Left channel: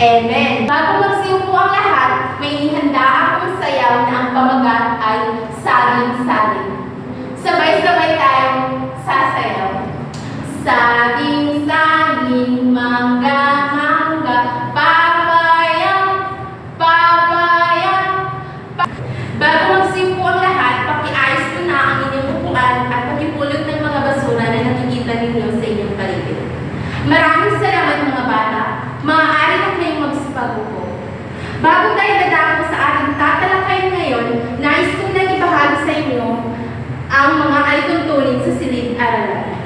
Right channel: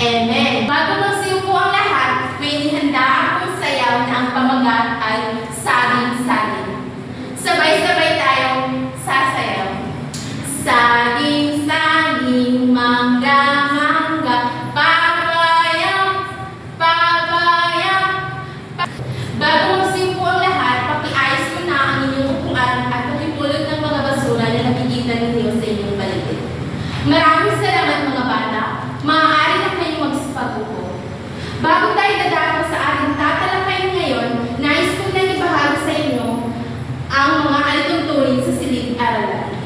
Amen. Bago magsiupo ang lahat, may inihanda akong sayaw na ang pamagat ay saging-saging. Sabay-sabay tayong sasayaw. Saging-saging, mangga-mangga, papaya, papaya. Bago magsiupo ang lahat, pakiayos mo na ang inyong upuan at pakipulot ng mga basura na nakikita ninyo sa inyong paligid. Maraming salamat mga bata. Maaari na kayong magsipagupo. Bago tayo dadako sa ating tatalakayin ngayon, nais ko na ibahagi sa inyo ang mga alituntunin sa silid-aralan.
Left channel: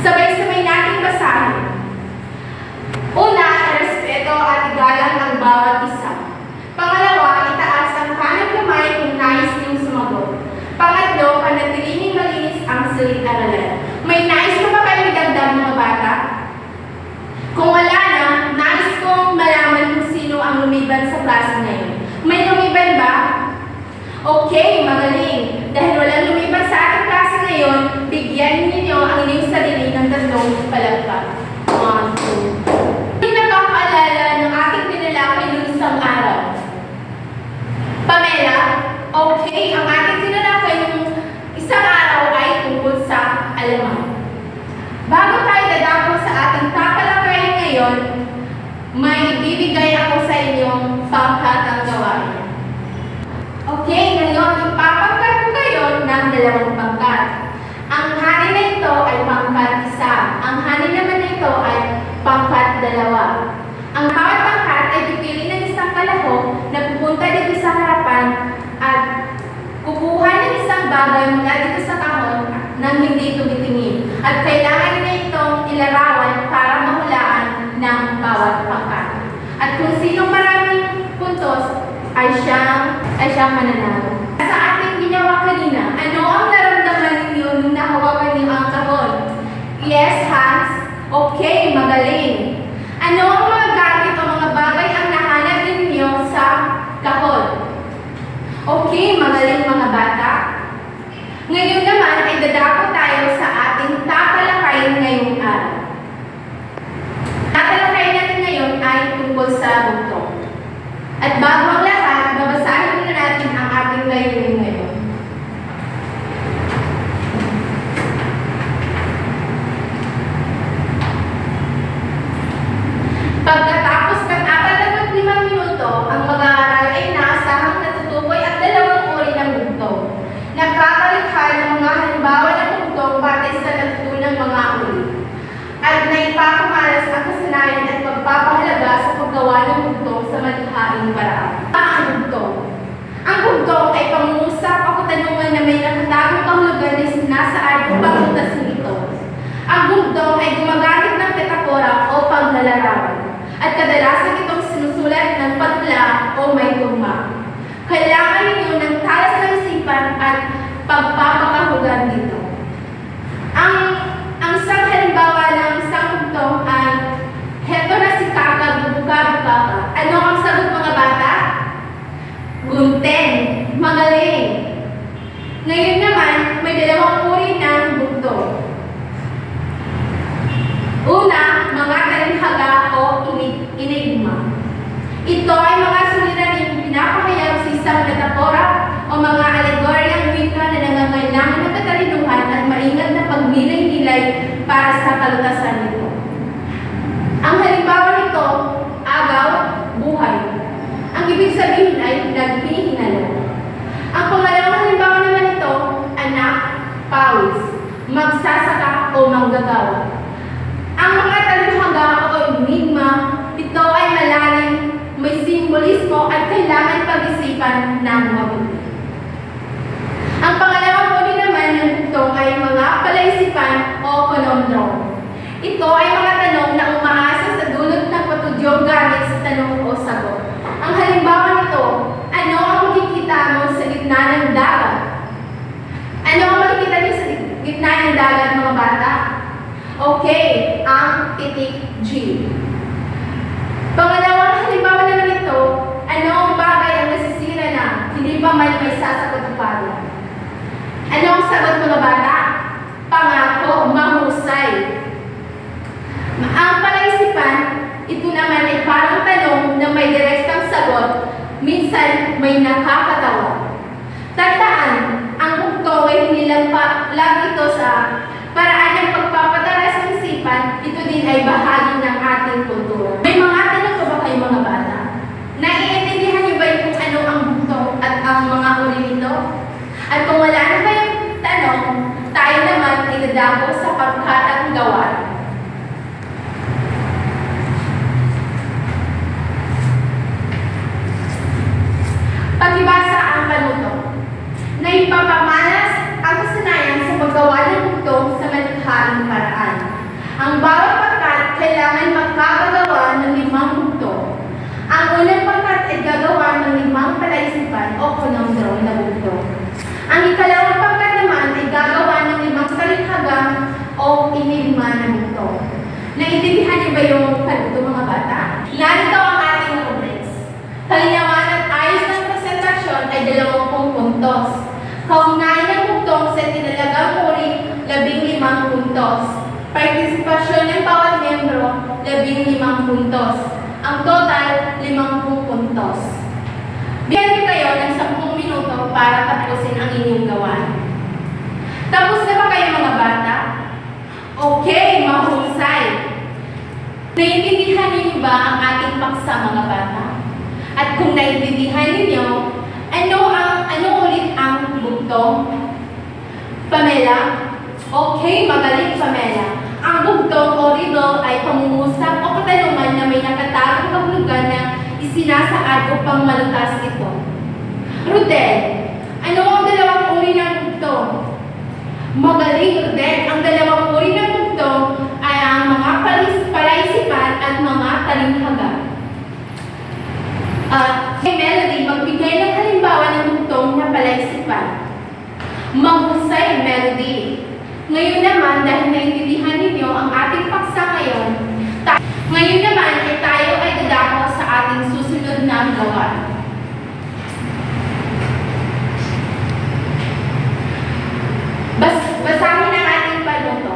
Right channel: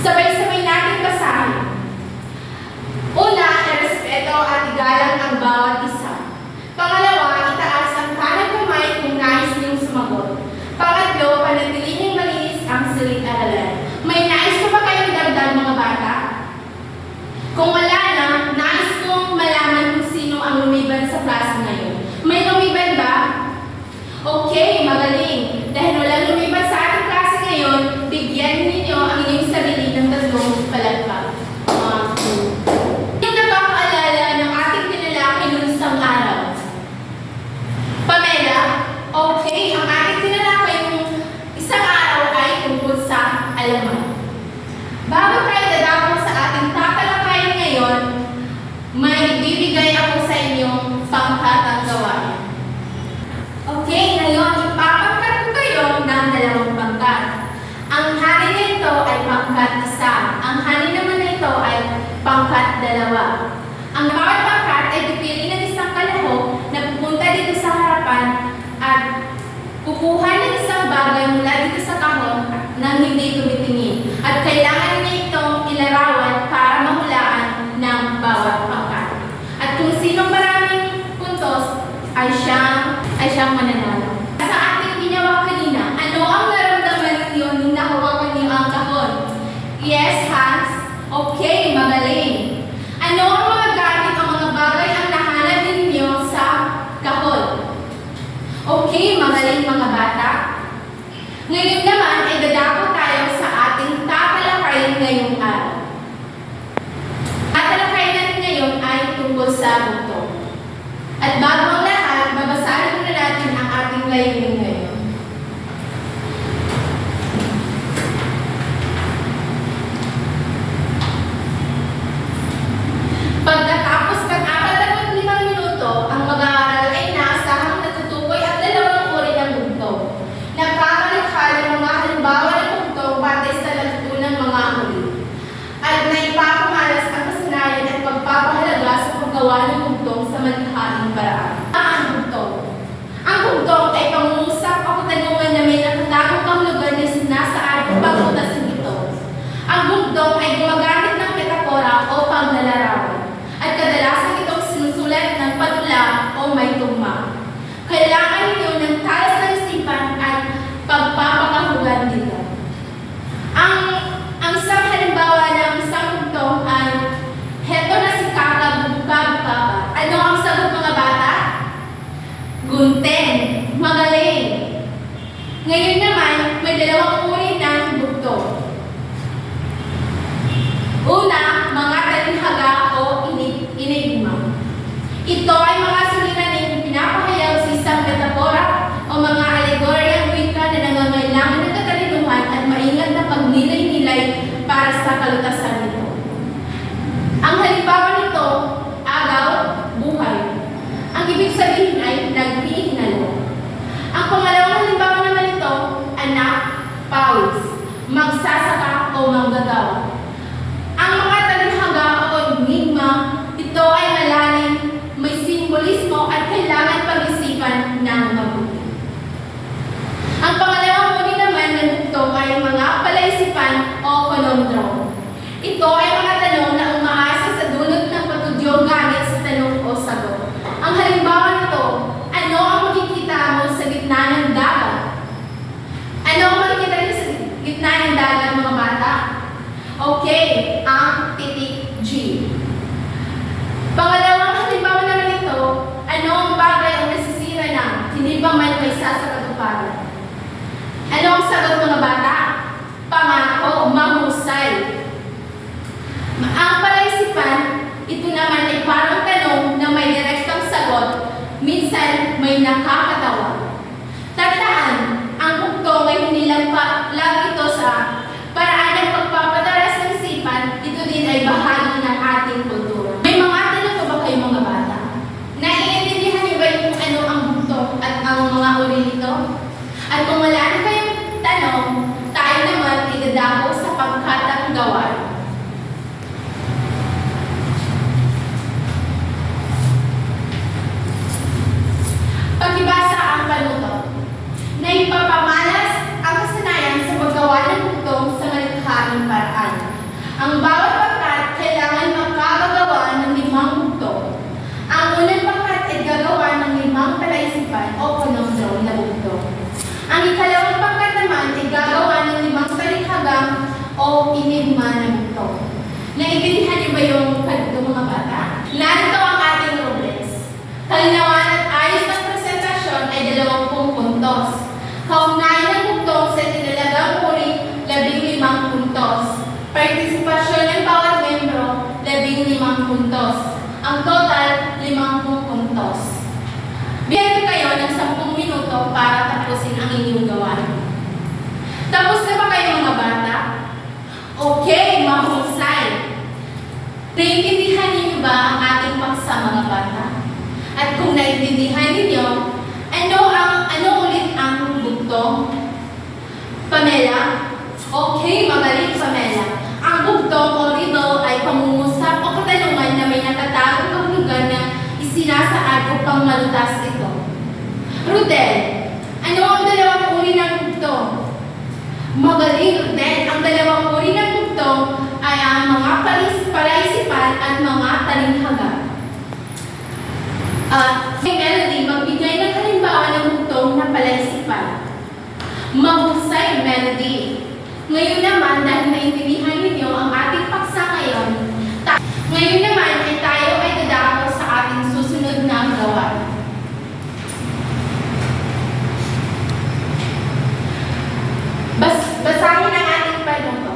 Sabay-sabay natin basahin. Una, respeto at igalang ang bawat isa. Pangalawa, itaas ang kanang kamay kung nais niyong sumagot. Pangatlo, panatilihing malinis ang silid-aralan. May nais na ba kayo idagdag mga bata? Kung wala na, nais kong malaman kung sino ang lumiban sa klase ngayon. May lumiban ba? Okay, magaling. Dahil walang lumiban sa ating klase ngayon, bigyan ninyo ang inyong sarili ng 3 palakpak. 1, 2. Hindi nakakaalala ng ating tinalakay noong isang araw. Pamela, okay, ang ating tinalakay noong isang araw ay tungkol sa alaman. Bago tayo dadako sa ating tatalakayin ngayon, may ibibigay ako sa inyong pangkatang gawain. Okay, ngayon ipapangkat ko kayo ng 2 pangkat. Ang hani na ito ay pangkat 1. Ang hani naman na ito ay pangkat 2. Ang bawat pangkat ay pipili ng isang kalahok na pupunta dito sa harapan at kukuha ng isang bagay mula dito sa kahon nang hindi tumitingin. At kailangan niya itong ilarawan para mahulaan ng bawat pangkat. At kung sinong maraming puntos ay siyang mananalo. Sa ating ginawa kanina, ano ang naramdaman ninyo nung nahawakan niyo ang kahon? Yes, Hans? Okay, magaling. Ano ang mga gamit o mga bagay ang nahanap ninyo sa kahon? Okay, magaling mga bata. Ngayon naman ay dadako tayo sa ating tatalakayin ngayong araw. Tatalakayin natin ngayon ay tungkol sa bugtong. At bago ang lahat, babasahin na natin ang ating layunin ngayon. Pagkatapos ng 45 minuto, ang mag-aaral ay naasahang natutukoy at 2 uri ng bugtong. Nakakalikha ng mga halimbawa ng bugtong batay sa natutunang mga uri. At naipapamalas ang kasanayan at pagpapahalaga sa paggawa ng bugtong sa malikhaing paraan. Ang bugtong. Ang bugtong ay pangungusap o katanungan na may nakatagong kahulugan na sinasaad upang utasin ito. Ang bugtong ay gumagamit ng metakora o paglalarawan. At kadalasan itong sinusulat ng patula o may tugma. Kailangan ninyo ng talas ng isipan at pagpapakahugan dito. Ang isang halimbawa ng isang bugtong ay heto na si Kaka, bubuka-buka. Ano ang sagot mga bata? Gunten. Magaling. Ngayon naman, may 2 uri ng bugtong. Una, mga talinghaga o enigma. Ito ay mga suliraning pinapahayag sa isang metapora o mga alegoryang wika na nangangailangan ng katalinuhan at maingat na pagnilay-nilay para sa kalutasan nito. Ang halimbawa nito, agaw, buhay. Ang ibig sabihin ay naghihinalo. Ang pangalawang halimbawa naman ito, anak, pawis, magsasaka o manggagawa. Ang mga talinghaga o enigma, ito ay malalim, may simbolismo at kailangan pag-isipan ng mabuti. Ang pangalawang uri naman ng bugtong ay mga palaisipan o conundrum. Ito ay mga tanong na umaasa sa dulot ng patudyong gamit sa tanong o sagot. Ang halimbawa nito, ano ang makikita mo sa gitna ng dagat? Ano ang makikita niyo sa gitna ng dagat mga bata? Okay, ang titik G. Pangalawang halimbawa naman ito, ano ang bagay ang nasisira na hindi pa man may sasakatuparan? Ano ang sagot mga bata? Pangako, mahusay. Ang palaisipan, ito naman ay parang tanong na may direktang sagot, minsan may nakakatawa. Tandaan, ang bugtong ay nilalag ito sa paraan ng pagpapataras ng isipan, ito din ay bahagi ng ating kultura. May mga tanong pa ba kayo mga bata? Naiintindihan niyo ba yung kung ano ang bugtong at ang mga uri nito? At kung wala na kayong tanong, tayo naman ay dadako sa pagkatang gawain. Pagibasa ang panuto. Naipapamalas ang kasanayan sa paggawa ng bugtong sa malikhaing paraan. Ang bawat pagkat kailangan magkakagawa ng 5 bugtong. Ang unang pagkat ay gagawa ng 5 palaisipan o conundrum na bugtong. Ang ikalawang pagkat naman ay gagawa ng 5 talikhagang o enigma na bugtong. Naiintindihan niyo ba yung ganito mga bata? Narito ang ating rubrics. Kalinawan at ayos ng presentasyon ay 20 puntos. Kaugnayan ng bugtong sa tinalagang uri, 15 puntos. Partisipasyon ng bawat membro, 15 puntos. Ang total, 50 puntos. Bigyan ko kayo ng 10 minuto para tapusin ang inyong gawain. Tapos na ba kayo mga bata? Okay, mahusay. Naiintindihan niyo ba ang ating paksa mga bata? At kung naiintindihan ninyo, ano ulit ang bugtong? Pamela? Okay, magaling Pamela. Ang bugtong o riddle ay pangungusap o katanungan na may nakatagong kahulugan na isinasaad upang malutas ito. Rudel, ano ang dalawang uri ng bugtong? Magaling Rudel, ang dalawang uri ng bugtong ay ang mga palaisipan at mga talinghaga. Melody, magbigay ng halimbawa ng bugtong na palaisipan. Mahusay Melody. Ngayon naman, dahil naiintindihan ninyo ang ating paksa ngayon naman ay tayo ay dadako sa ating susunod na gawain. Basahin ang ating panuto.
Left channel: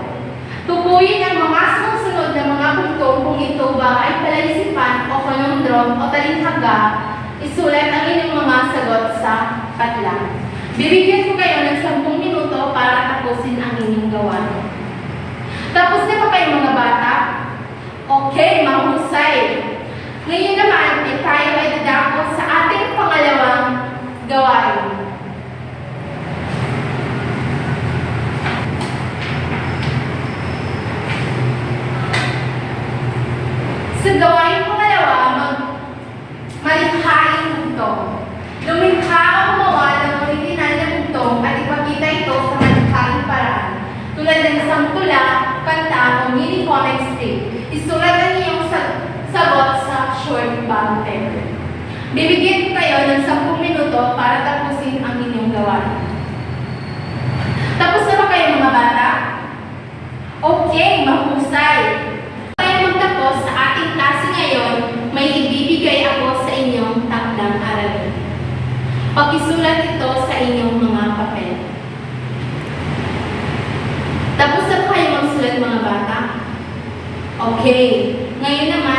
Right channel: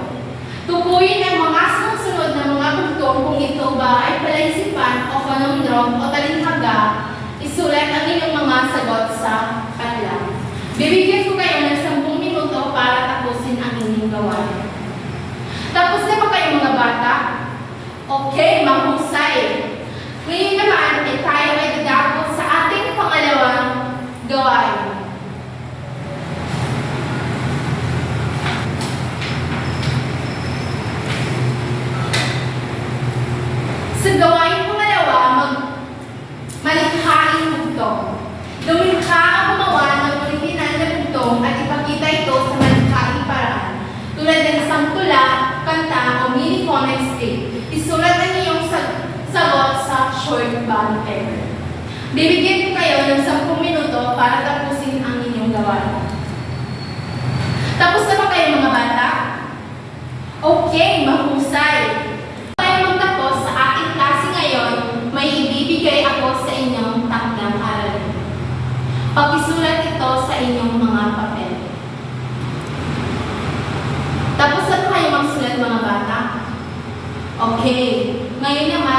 Tukuyin ang mga susunod na mga bugtong kung ito ba ay palaisipan o conundrum o talinghaga. Isulat ang inyong mga sagot sa padlang. Bibigyan ko kayo ng 10 minuto para tapusin ang inyong gawain. Tapos na ba kayo mga bata? Okay, mahusay. Ngayon naman ay tayo ay dadako sa ating pangalawang gawain. Sa gawain pangalawa, malikhaing bugtong. Lumikha ang gumawa ng original na bugtong at ipakita ito sa malikhaing paraan. Tulad ng samtula, kanta o mini comic strip. Isulat ang iyong sagot sa short bond paper. Bibigyan ko kayo ng 10 minuto para tapusin ang inyong gawain. Tapos na ba kayo mga bata? Okay, mahusay. Tayo magtapos sa ating klase ngayon, may ibibigay ako sa inyong takdang aralin. Pakisulat ito sa inyong mga papel. Tapos na kayo magsulat mga bata? Okay. Ngayon naman,